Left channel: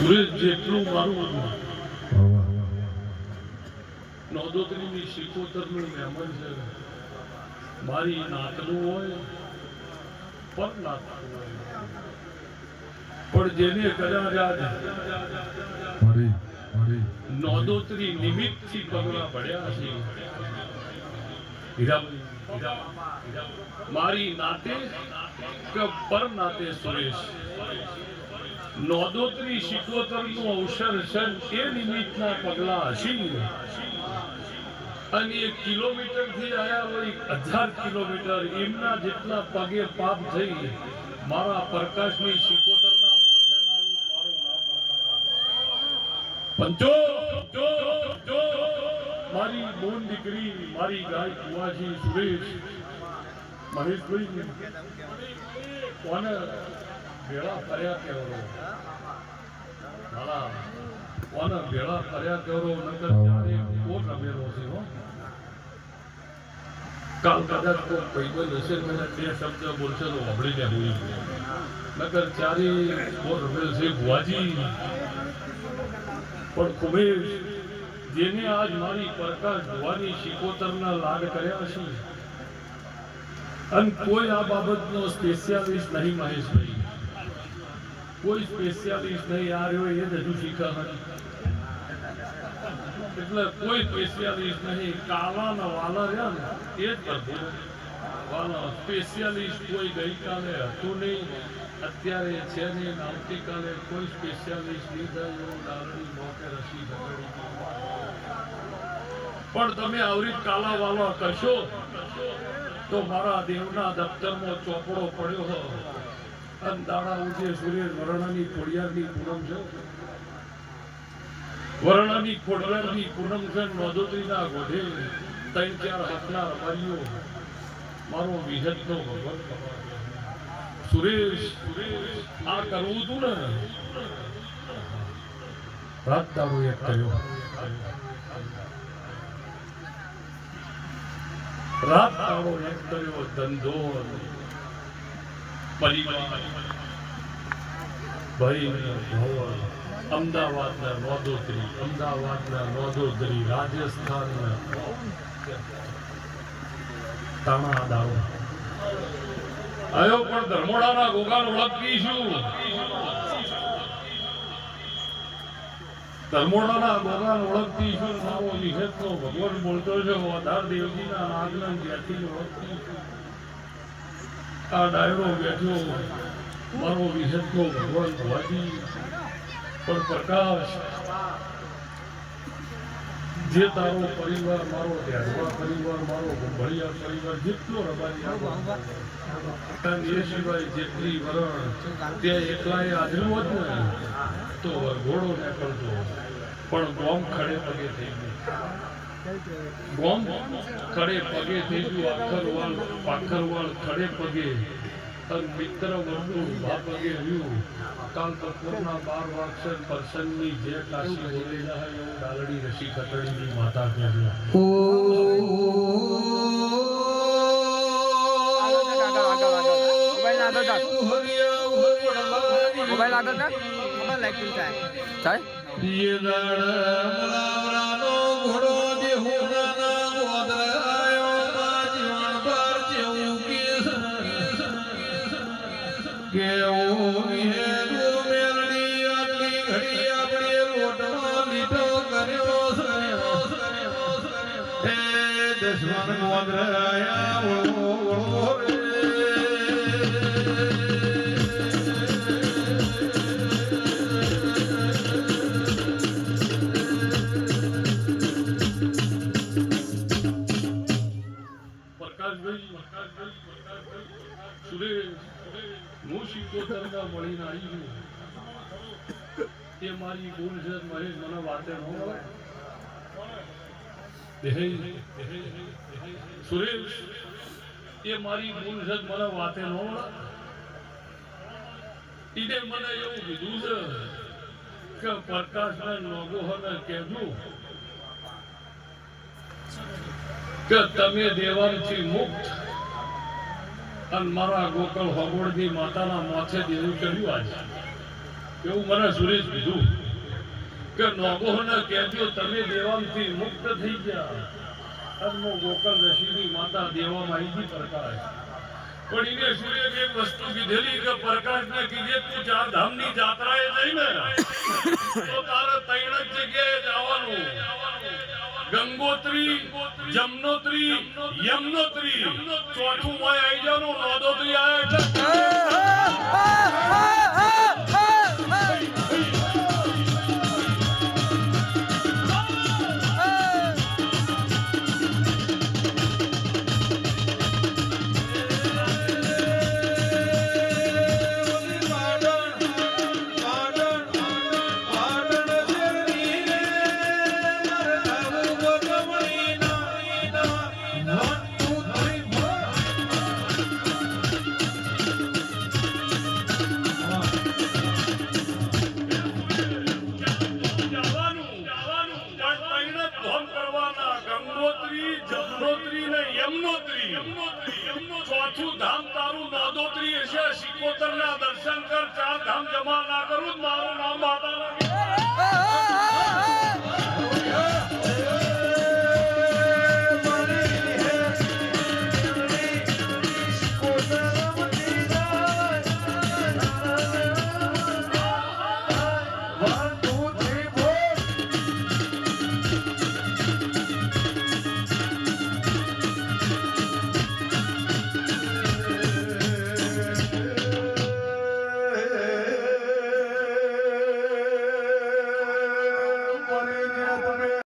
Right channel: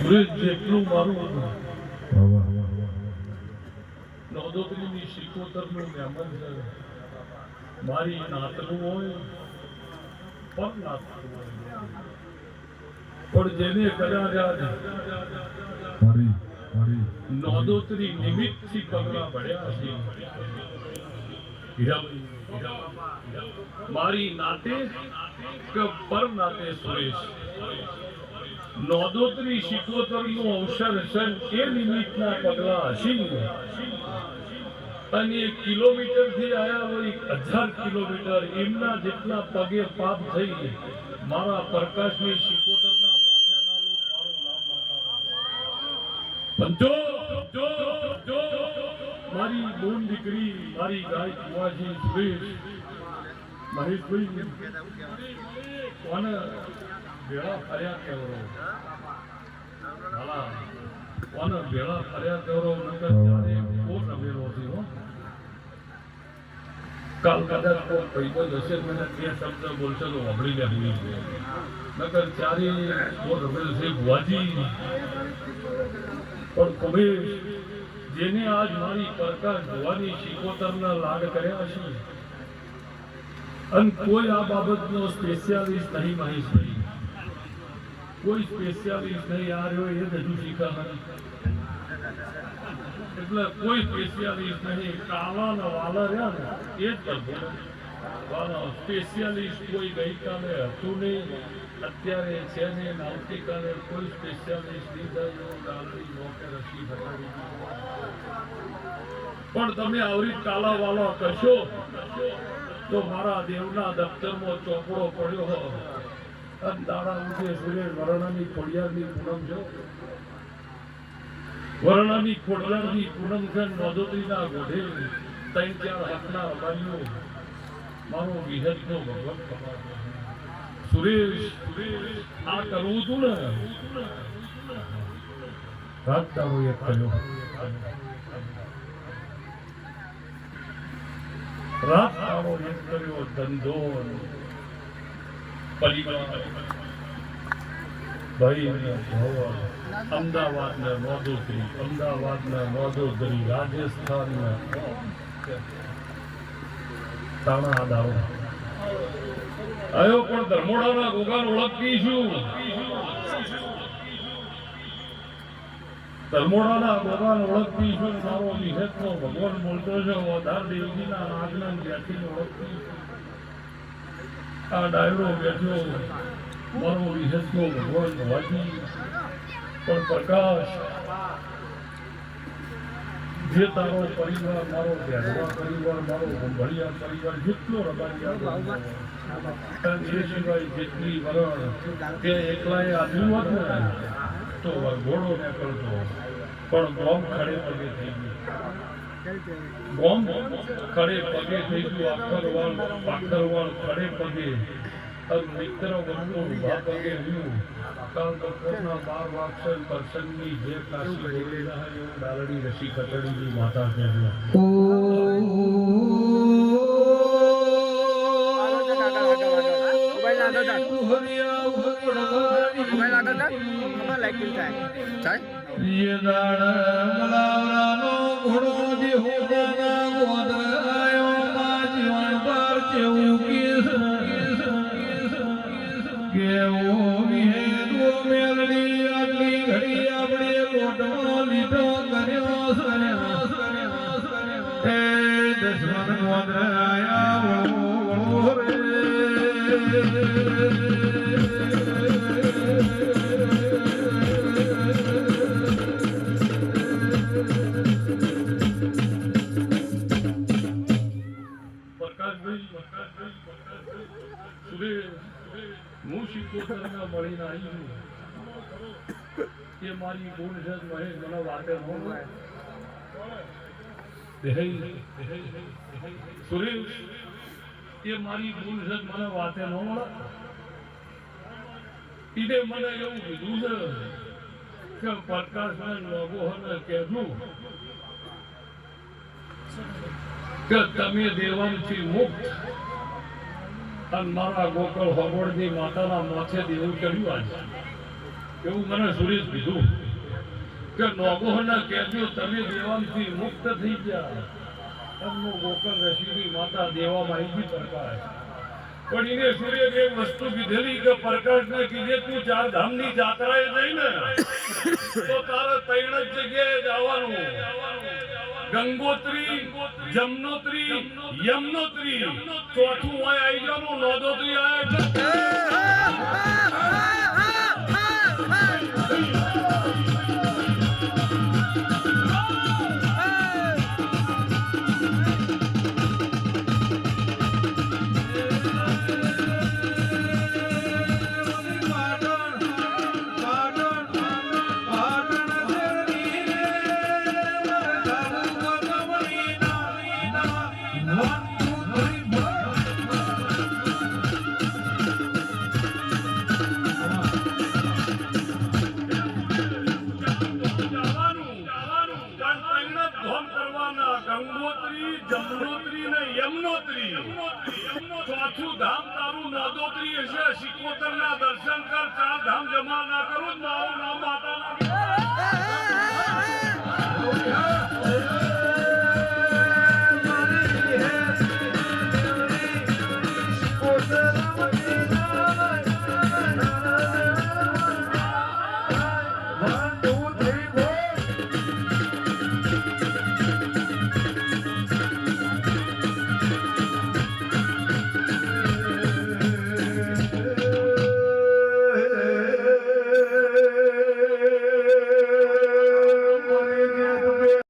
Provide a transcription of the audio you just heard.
જેટલું મારું નોંધોત્રીની શિકોતરનું મહેમાન છે, મારી નાતનું હોય પર નાતનું હોય, પણ જેને કદાચ નોંધોત્રી નિમિત્તથી પગલા પડ્યા છે, મારી નાતે કે પર નાતે સુરેશ નોંધોત્રી શિકોતરનું અવસર છે એ નિમિત્તના પગલા હશે અને 1 કિલોમીટરથી આયા હોય 1000 કિલોમીટર એમના જેટલા પગે પાપ થઈ મારા પ્રકાશની શિકોતરના માથે નાલું મારું નામ પંચો જો મારી બોન દીકરી મારી ગાય કુવાજી સુરેશ મહેશભાઈ કોને ભેળા ફર્યા કેવરો ભલા કોને ભેળા ફર્યા કેવરો નકર ત્યારે કોણ રમેલો છે હો કાલ કદાચ કોઈ પૈદલ હશે મને તે શબ્દ બોલશે તો સાંભળી લે ભૂલી નકર ત્યારે કોણ રમેલ છે ભુવાજી પણ કુમેશ જેને આજ મારી પ્રકાશ ભુવાની શિકોતરના લાડ કર્યા છે અને કોઈ આ બાબતનો સ્પેશિયાલિસ્ટ નહીં મહેશભાઈ, કોઈ સ્પેશિયાલિસ્ટ નહીં આ રહ્યો એ જ હજુ શીખા એટલે કોઈ સ્પેશિયાલિસ્ટ નહીં, કાળા વાલા રહ્યા ને એ જ કરતો વાલા સ્પેશિયાલિસ્ટ કોઈ ગઈકાલે હતું નહીં, અત્યારે છે નહીં, આવતીકાલે કોઈ સ્પેશિયાલિસ્ટ નહીં થાય એવું ડાલડી મોકે રસી પકડી પણ તમે આવરી કાલા વાલા કરશો તો મારા દેવના દફતરમાં ચોપડો પડ્યો હો અને દાડા ઉઠે સુરેશ વરણાની ખોડિયારની પૂનમ છે, વરણાની ખોડિયારની પૂનમ છે, નોંધોત્રીના ગોઢે 3-4 હાથના રબારીઓ મારો વિહતનો ભગવાન સુરેશ આ કરવું હતું ને રાત દાડો એક કર્યો, રાત દાડો એક કર્યો, ધંધો પરિવાર ભાઈ અમદાવાદના નોંધોત્રી, અમદાવાદના નોંધોત્રી, રાજસ્થાનના તાણા દાવ આયો પણ ધર્મોડાના ગોગાન ઓળખતી છું, ધર્મોડાના ગોગાન ઓળખતી છું, મારો નિષેધનો ભગવાન બોલતો છે ઓધાર દેવજીના નાગના જ્ઞાતિને ઓળખતી આ ડાયરો બેઠો મારો નિષેધનો ભગવાન ભવાજી પણ પ્રકાશ જે તારો પરિવાર મારો ધ્યાનવા પરિવાર મારો ગંભળિયા પરિવાર જેટલો રબારી એ સિવાય જેટલી વરણ ત્યાં એકલાએ આજવું હતું ને તો ઘોડો નીકળતો પણ બોમ્બ ખડે પગે થઈ ગયું, બોમ્બ ખડે પગે થઈ ગયું, અખરવાળ પાખરવાળ ખડે પગે મિત્ર વર્તુળ ઉભા પગે રહ્યું, કાલ બપોરના 12 વાગશે કરશનની જે કાશી બોલેલા હોય એવું ડાલડી રસી ખતડીની માતા કહેજો ये दाड़ा घोड़ो देहो गाना गोदरायो जीवन पर जेऊ किस केऊ विहे दो मेलडी आटली घड़ी अपने लोटमा लीटो कर्यो ए दुश्मन गोदराया ओ रे હું શિકોતરના મળીને આવી એ મારી બોન છે મહેશ મને વાતે સુરેશ એ મારી બોન છે મને વાતે ન મળે ઈને મને એવું કીધું છે કે પ્રકાશને લોગો હને કહેવું કે તમે દેવાનથી મુક્ત અને મારા ગોકળ ભગોળની માતાના માથે દેવું કર્યું આજે એવું મને સુરેશ કીધું કે નોગોહને કહેજો તમે દેવાંથી મુક્ત થઈ ગયા. અન્નો ગોકળ ઋષિની માતા દેવા માહિતી પ્રકાશ. પણ એને સુરેશ એક વસ્તુ કીધેલી કે પ્રકાશને કીધે તું ચાર ધામની જાત્રાએ જઈને તો તારે ત્રણ જ જગ્યાએ જવાનું. ગંગોત્રી, જમનોત્રી, યમનોત્રી. ચોથું વાય આવી જવાનું નોદોત્રી ગંગોત્રી, જમનોત્રી ને યમનોત્રી. ચોથું ધામ તારું નોદોત્રી હશે. સિકોતર ના દર્શન કર. ચાર ધામ જમા ના કરું મારું નામ માતાના